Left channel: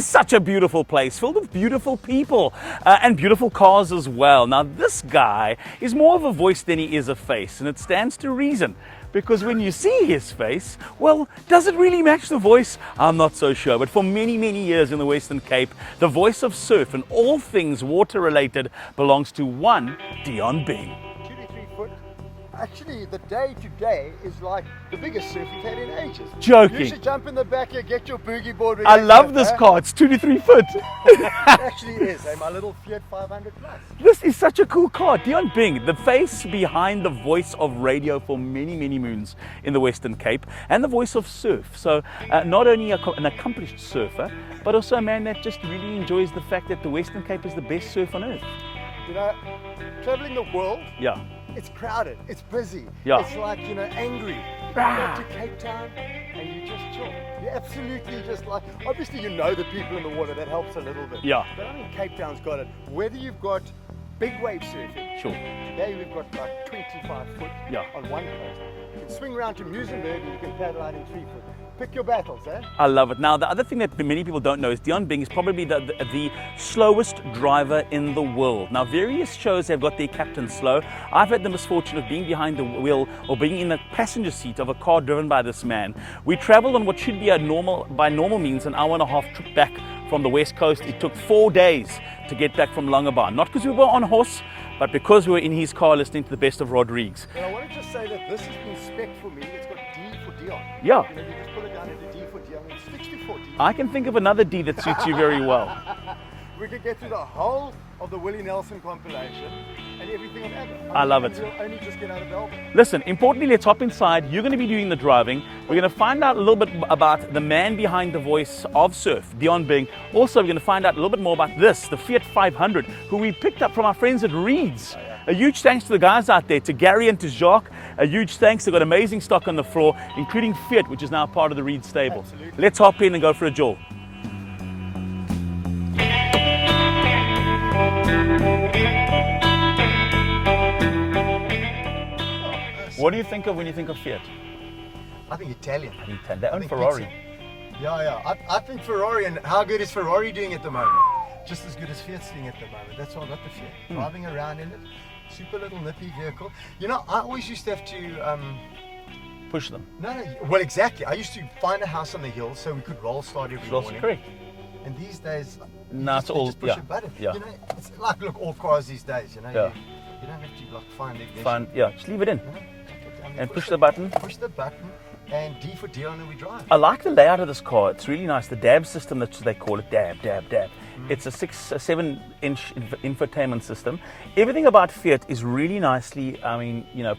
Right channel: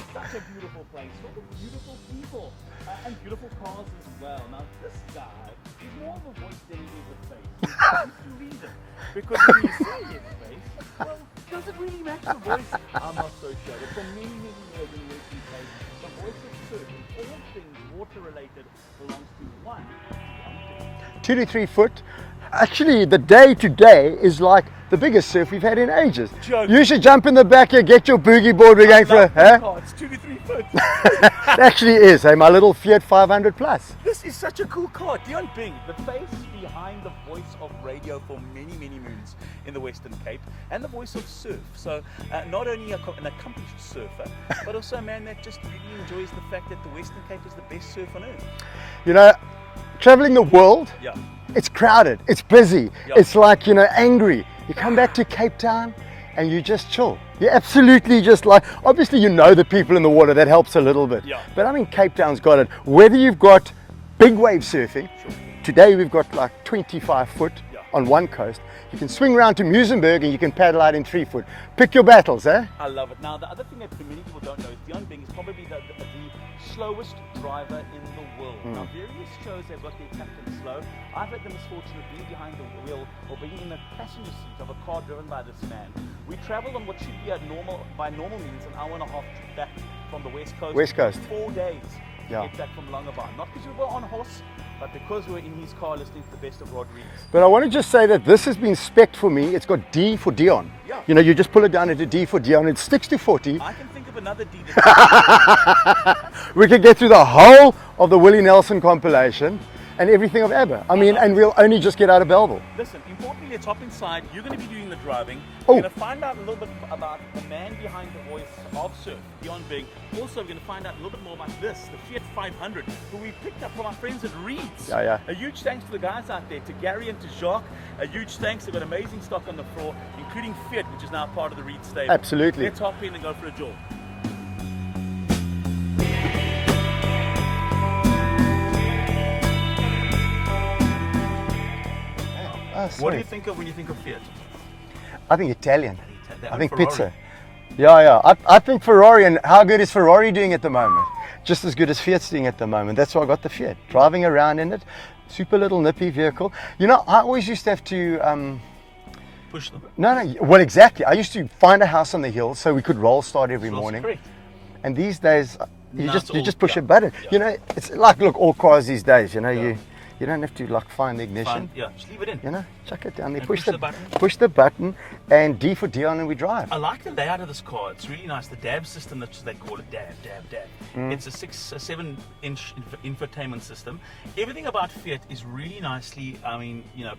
Such a beautiful place filled with beautiful people and beautiful cars as well. Now this guy is more of a voice than he is a face, and it stands to reason, because when you see his face, well, does it really match the voice? I'm not so sure. But for many years in the Western Cape, the voice of surf and all things water related belongs to one Deon Bing. 2 to 3 foot. Actually, the day today is like the biggest surf we've had in ages. Joking. You should jump in the back here, get your boogie board. I love this car. It's 2 to 3 foot. It actually is, hey, my little Fiat 500 plus. This is such a cool car. Deon Bing, the face behind the voice of radio for many moons in the Western Cape, and the voice of surf. So not only an accomplished surfer, but also a man that just really enjoys the fact that the Western Cape is the best surf on earth. You know, traveling the world, yeah, it's crowded, it's busy, yeah, it's like, you know, angry. You come back to Cape Town and you just chill. You absolutely just like, obviously you know the people in the water, that helps a little bit. Yeah. But I mean, Cape Town's got it. Whether you've got big wave surfing, sure. Today we've got like 25 foot, yeah, on one coast. You can swing around to Muizenberg and you can paddle out in 3 foot. Pick your battles, eh? I love it. Now, the other thing that many people don't know is Deon Bing is probably the slowest driver in the world. Now, various shows have got their captain slow. I've had the misfortune of being behind the wheel or being in the passenger seat of a car driven by this man. We traveled on what should be by normal means, an hour and a half trip back from the West Coast. It took 4 days to get back from Langebaan. Not because we were on horse, but because we were in his car listening to the best of Rodriguez. But I want to just say that this has been spec'd for me. It's got D for Deon. Yeah. You know, you just pull it down into D for Deon. It sticks to 40. I can think of another D that fits you very well. We could get through the whole of the Willie Nelson compilation and everything of ABBA. I mean, and we'll only just get out of Belleville. Listen, importantly, let's hop inside. You're going to be doing the driving. We're going to find out a little bit about the man behind the voice of surf, Deon Bing. Also, we're going to find out a little bit more about this, the Fiat 500, who we picked up from our friends at Reed's. Yeah. A huge thanks to the guys out there, to Gary and to Jacques. A huge thanks. They've got amazing stock on the floor, including Fiat, which is now part of the Reed's stable. Absolutely. Let's hop in and go for a jaw. What do you think of when you think of Fiat? I think Italian. I think Ferrari. pizza. Yeah. I think Ferrari, and how good is Ferrari doing at the moment? Just as good as Fiat's doing at the moment. That's why I got the Fiat. Driving around in it, super little nippy vehicle. You know, I always used to have to push them. No. Well, exactly. I used to find a house on the hill so we could roll start every morning. Correct. And these days, you just push a button. Yeah. You know, it's like, look, all cars these days. You know, you don't have to like find the ignition. Just leave it in. You know, chuck it down there. And push the button. Push the button, and D for Deon, and we drive. I like the layout of this car. It's really nice. The DAB system, that they call it, DAB. It's a 7-inch infotainment system. Everything about Fiat is really nicely,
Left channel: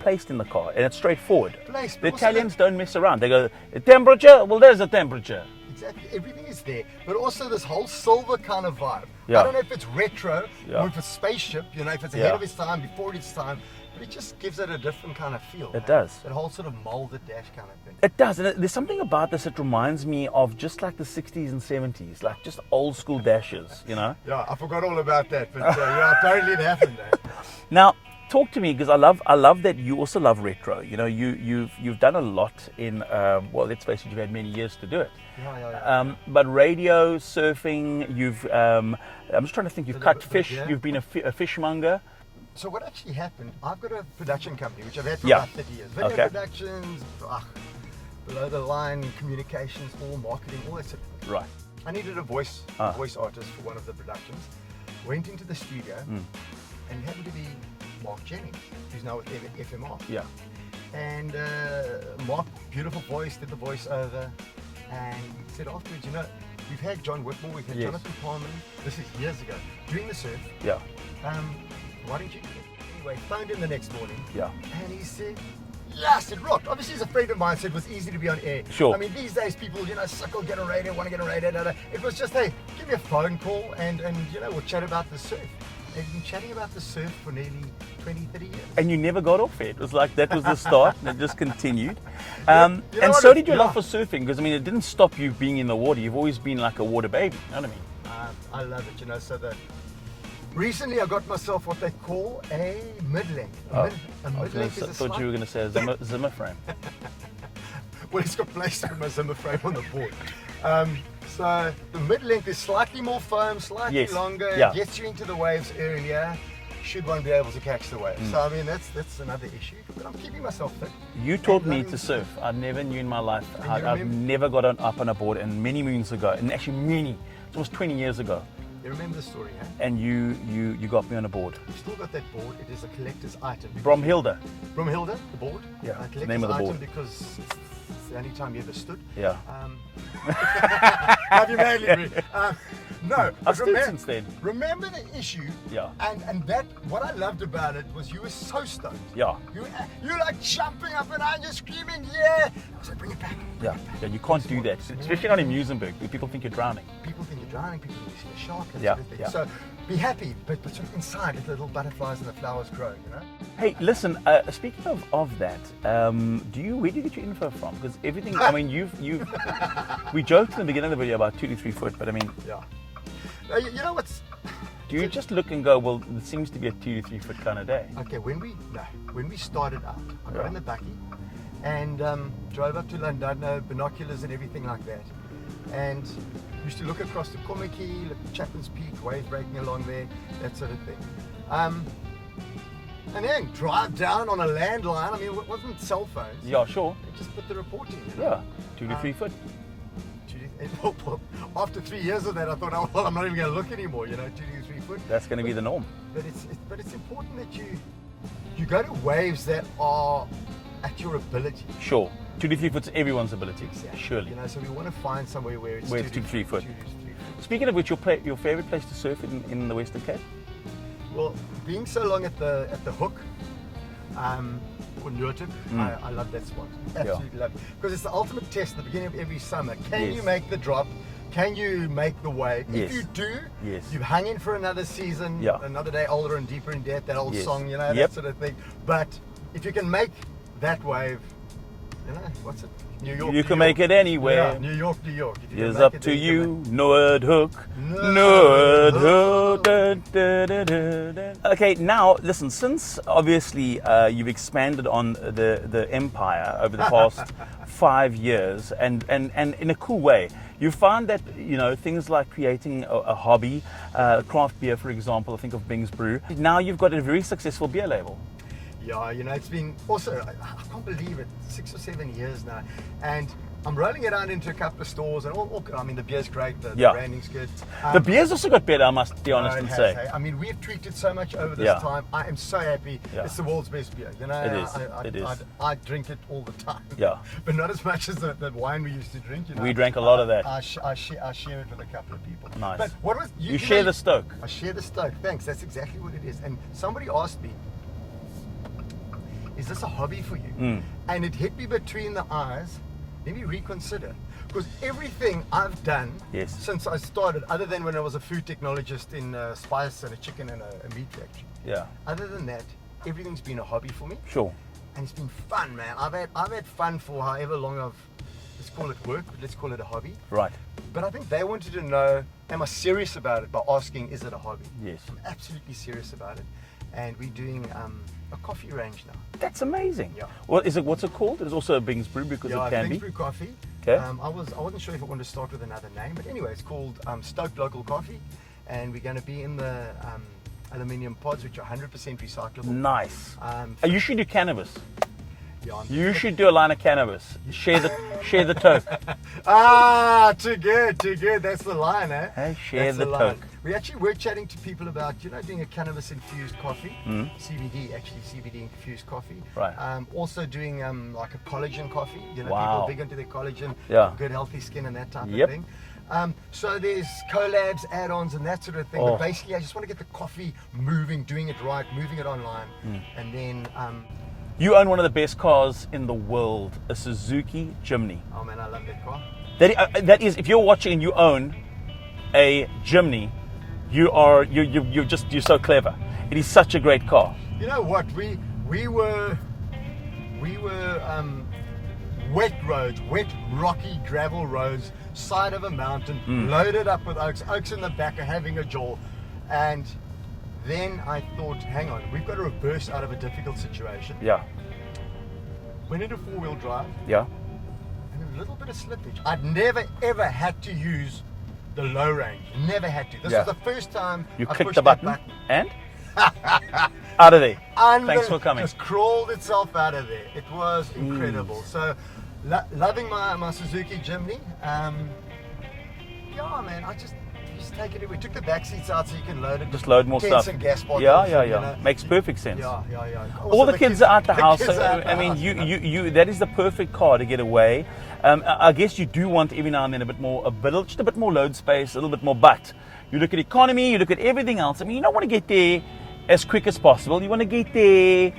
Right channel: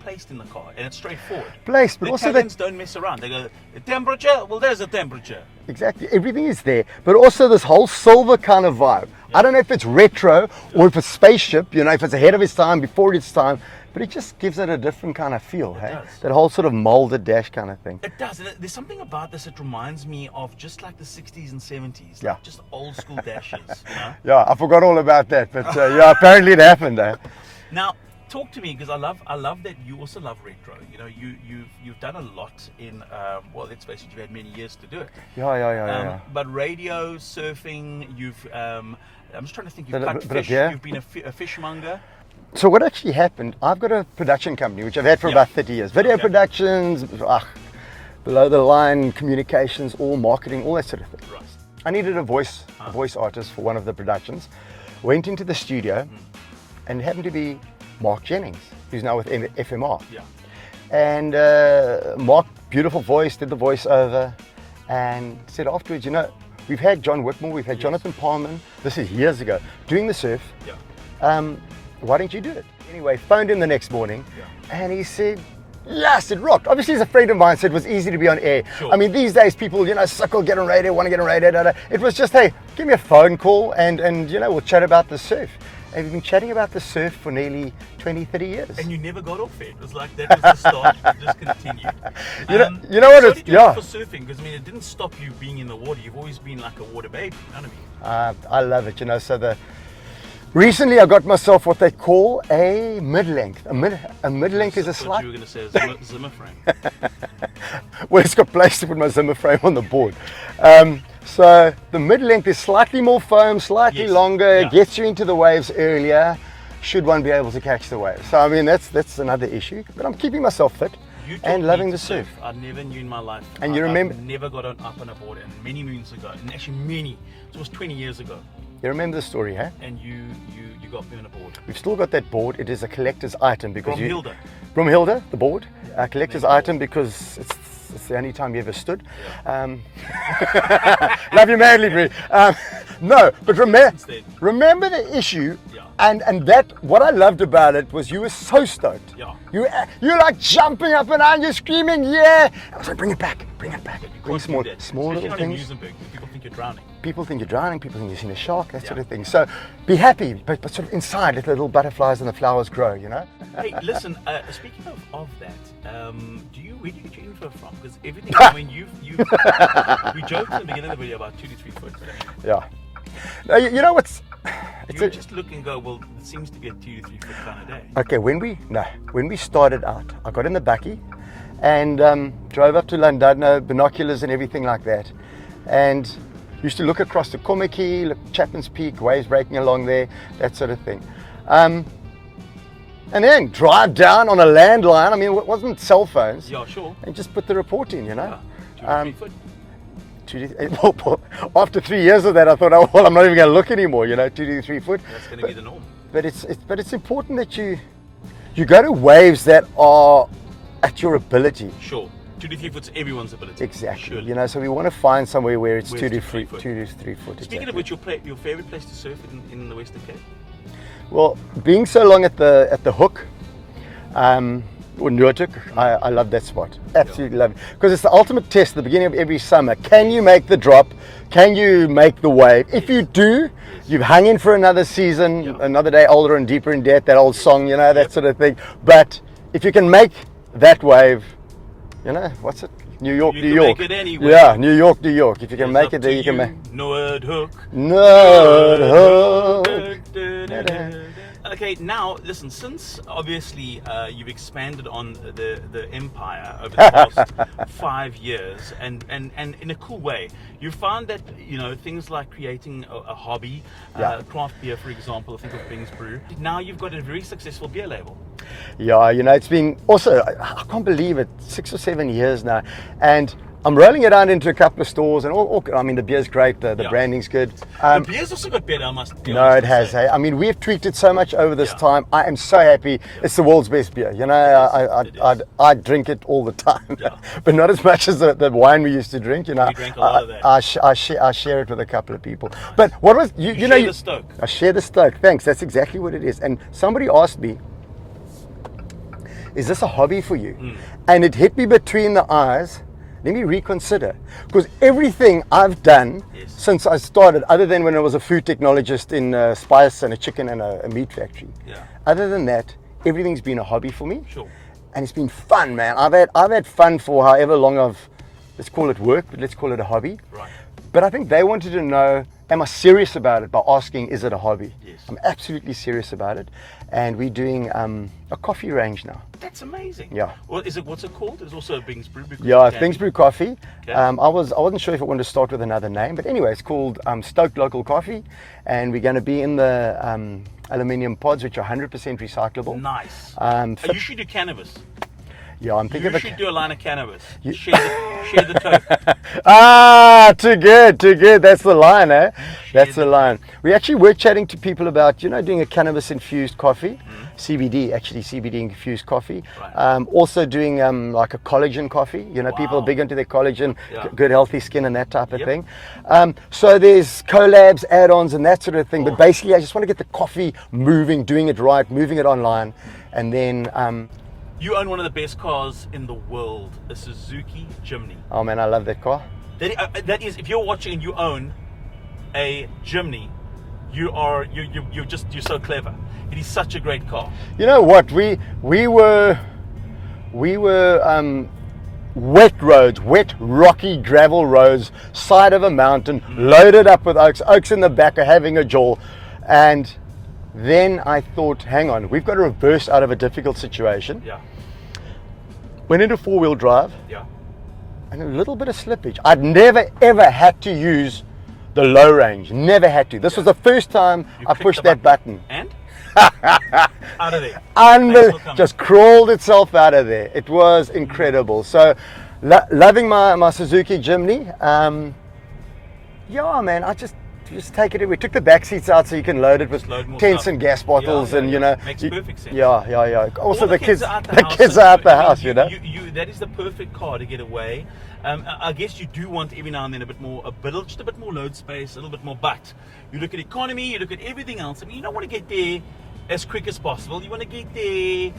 placed in the car, and it's straightforward. Placed, but the also Italians don't mess around. They go, temperature? Well, there's a temperature. Exactly, everything is there, but also this whole silver kind of vibe. I don't know if it's retro or if it's spaceship, you know, if it's ahead of its time, before its time, but it just gives it a different kind of feel. It does. That whole sort of molded dash kind of thing. It does, and there's something about this that reminds me of just like the 60s and 70s, like just old school dashes, you know? Yeah, I forgot all about that, but apparently it happened. Now, talk to me, because I love that you also love retro. You know, you've done a lot in let's face it, you've had many years to do it. Yeah. But radio, surfing, I'm just trying to think. You've cut fish. You've been a fishmonger. So what actually happened? I've got a production company which I've had for about 30 years. Video productions, below the line communications, all marketing, all that sort of thing. Right. I needed a voice artist for one of the productions. Went into the studio, and it happened to be Mark Jennings, who's now with FMR. Yeah. And Mark, beautiful voice, did the voiceover, and said afterwards, you know, we've had John Whitmore, we've had Jonathan Palmer, this is years ago, doing the surf. Yeah. Why don't you do it? Anyway, phoned him the next morning, and he said, yes, it rocked. Obviously, he's a friend of mine, so it was easy to be on air. Sure. I mean, these days, people, you know, suckle, get on radio, want to get on radio. It was just, hey, give me a phone call, and you know, we'll chat about the surf. we've been chatting about the surf for nearly 20, 30 years. And you never got off it. It was like that was the start. It just continued. You know what? So did you go for surfing? Because I mean, it didn't stop you being in the water. You've always been like a water baby. You know what I mean? I love it. So recently I got myself what they call a mid-length. A mid-length is a I thought slight. you were going to say a Zimmer frame. Well, it's got place to put my Zimmer frame on the board. So the mid-length is slightly more foam, slightly longer, Yeah. gets you into the waves earlier, should one be able to catch the waves. So I mean, that's another issue, but I'm keeping myself fit You taught and loving me the to surf. I never knew in my life. And you remember- I've never got up on a board, and many moons ago, and actually it was 20 years ago, You remember the story, huh? and you got me on a board. We've still got that board. It is a collector's item because Bromhilde. Bromhilde, the board, Yeah, a collector's name of the item board. because it's the only time you ever stood. Yeah. Love you madly, Bree. No, but since then. remember the issue, Yeah. and that what I loved about it was you were so stoked. Yeah. You're like jumping up and down, you're screaming, yeah. I was like, bring it back, bring it back. And you Bring can't do that. small Especially little not in things. Musenberg, where people think you're drowning. People think you're drowning, people think you've seen a shark, that sort of thing. Yeah. So be happy, but sort of inside, let the little butterflies and the flowers grow, you know? Hey, listen. Speaking of that, where do you get your info from? Because everything. I mean, we joked in the beginning of the video about 2 to 3 foot, but I mean, Yeah. No, you know what's... do you just look and go, well, it seems to be a 2 to 3 foot kind of day. Okay, when we started out, I got in the bakkie and drove up to Llandudno, binoculars and everything like that, and used to look across the Kommetjie, look Chapman's Peak, waves breaking along there, that sort of thing. And then drive down on a landline. I mean, it wasn't cell phones. Yeah, sure. And just put the report in, you know. Yeah, 2 to 3 foot. Well, after 3 years of that, I thought, oh, well, I'm not even going to look anymore, you know, 2 to 3 foot. That's going to be the norm. But it's important that you go to waves that are at your ability. Sure. 2 to 3 foot's everyone's ability. Exactly. Surely. You know, so we want to find somewhere where it's Where 2 it's to 2 to 3 3 foot. 2 to 3 foot. Speaking of which, your favorite place to surf in the Western Cape? Well, being so long at the hook, or Noordhoek, I love that spot. Absolutely love it. Because it's the ultimate test at the beginning of every summer. Can you make the drop? Can you make the wave? If you do, you've hung in for another season, another day older and deeper in debt, that old song, you know, that sort of thing. But if you can make that wave, you know, what's it? New York, You New can York. make it anywhere. Yeah, New York, New York. If you can It's make up it there, to you can make Noordhoek. Noordhoek. Okay, now listen. Since obviously you've expanded on the empire over the past 5 years, and in a cool way, you found that things like creating a hobby, craft beer, for example. Think of Bing's Brew. Now you've got a very successful beer label. Yeah, it's been also, I can't believe it, 6 or 7 years now. And I'm rolling it out into a couple of stores, and I mean, the beer's great, the branding's good. The beer's also got better, I must be No, honest. it has. Say. Hey? I mean, we've tweaked it so much over this time. I am so happy. It's the world's best beer. You know, I drink it all the time. Yeah. But not as much as the wine we used to drink. You know, We drank a lot of that. I share it with a couple of people. Nice. But what was you know? share the stoke. I share the stoke. Thanks. That's exactly what it is. And somebody asked me, is this a hobby for you? And it hit me between the eyes. Let me reconsider. Because everything I've done since I started, other than when I was a food technologist in spice and a chicken and a meat factory, other than that, everything's been a hobby for me. Sure. And it's been fun, man. I've had fun for however long let's call it work, but let's call it a hobby. Right. But I think they wanted to know, am I serious about it by asking, is it a hobby? Yes. I'm absolutely serious about it. And we're doing a coffee range now. That's amazing. Yeah. What's it called? There's also a Bing's Brew. Bing's Brew Coffee. Okay. I wasn't sure if I wanted to start with another name, but anyway, it's called Stoked Local Coffee, and we're going to be in the aluminium pods, which are 100% recyclable. Nice. You should do cannabis. Yeah, I'm thinking You should do a line of cannabis. Share the toke. Too good. That's the line, eh? Share That's the the line. toke. We actually were chatting to people about, doing a cannabis infused coffee, CBD infused coffee. Right. Also doing like a collagen coffee. People are big into their collagen, good healthy skin and that type of thing. So there's collabs, add-ons, and that sort of thing. But basically, I just want to get the coffee moving, doing it right, moving it online, and then. You own one of the best cars in the world, a Suzuki Jimny. Oh man, I love that car. That is, if you're watching and you own a Jimny, you're so clever. It is such a great car. You know what? We were wet roads, wet rocky gravel roads, side of a mountain, loaded up with oaks. Oaks in the back are having a jaw, and then I thought, hang on, we've got to reverse out of a difficult situation. Yeah. Went into 4-wheel drive. Yeah. And a little bit of slippage. I'd never ever had to use the low range. Never had to. This was the first time I pushed that button. And out of there. Unbelievable. Just crawled itself out of there. It was incredible. So loving my Suzuki Jimny. Yeah, man, I just take it. We took the back seats out so you can load it with load more tents stuff. and gas bottles, and you know, makes perfect sense. Yeah. Also, all the kids are out the house. Kids are out the house. That is the perfect car to get away. I guess you do want every now and then just a bit more load space, a little bit more. But you look at economy, you look at everything else. I mean, you don't want to get there as quick as possible. You want to get there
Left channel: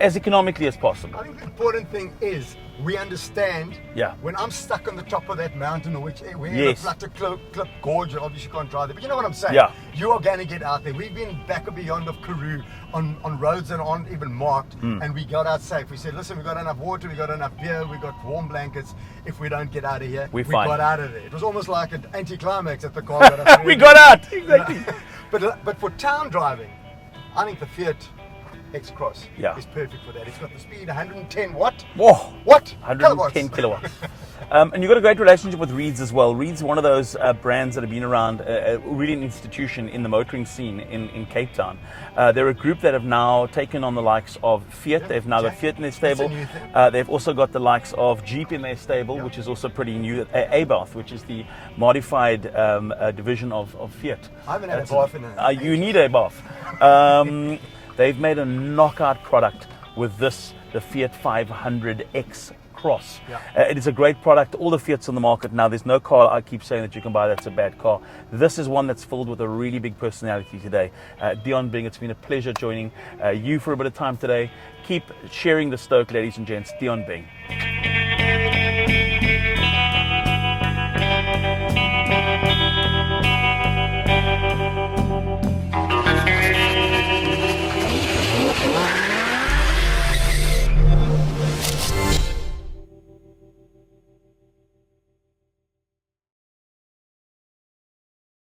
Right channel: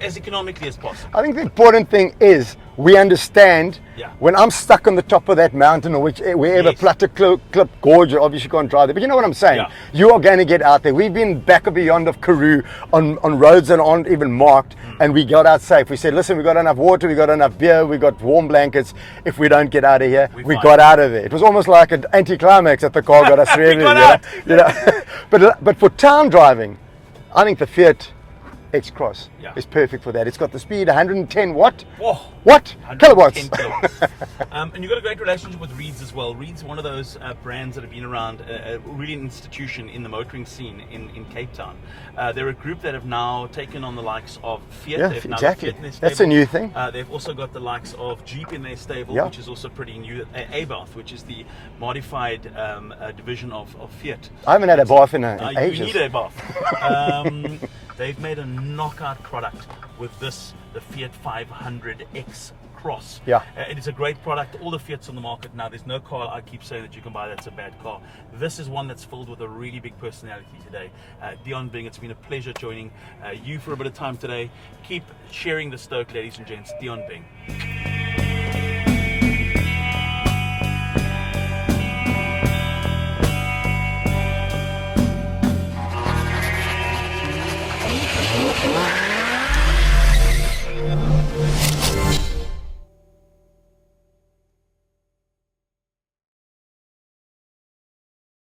as economically as possible. I think the important thing is we understand when I'm stuck on the top of that mountain or wherever, Platte Klip Gorge, obviously you can't drive there, but you know what I'm saying? Yeah. You are going to get out there. We've been back and beyond of Karoo on roads that aren't even marked, and we got out safe. We said, listen, we got enough water, we got enough beer, we got warm blankets. If we don't get out of here, we got out of there. It was almost like an anticlimax that the car got us through. We got out! You know? But for town driving, I think the Fiat X-Cross is perfect for that. It's got the speed, 110 watt. Whoa. What? 110 kilowatts. And you've got a great relationship with Reeds as well. Reeds, one of those brands that have been around, really an institution in the motoring scene in Cape Town. They're a group that have now taken on the likes of Fiat. They've now got Fiat in their stable. That's a new thing. They've also got the likes of Jeep in their stable, which is also pretty new. A-Bath, which is the modified division of Fiat. I haven't had a bath in ages. You need a bath. They've made a knockout product with the Fiat 500X Cross. It is a great product. All the Fiats on the market now, there's no car I keep saying that you can buy that's a bad car. This is one that's filled with a really big personality today. Deon Bing, it's been a pleasure joining you for a bit of time today. Keep sharing the Stoke, ladies and gents. Deon Bing.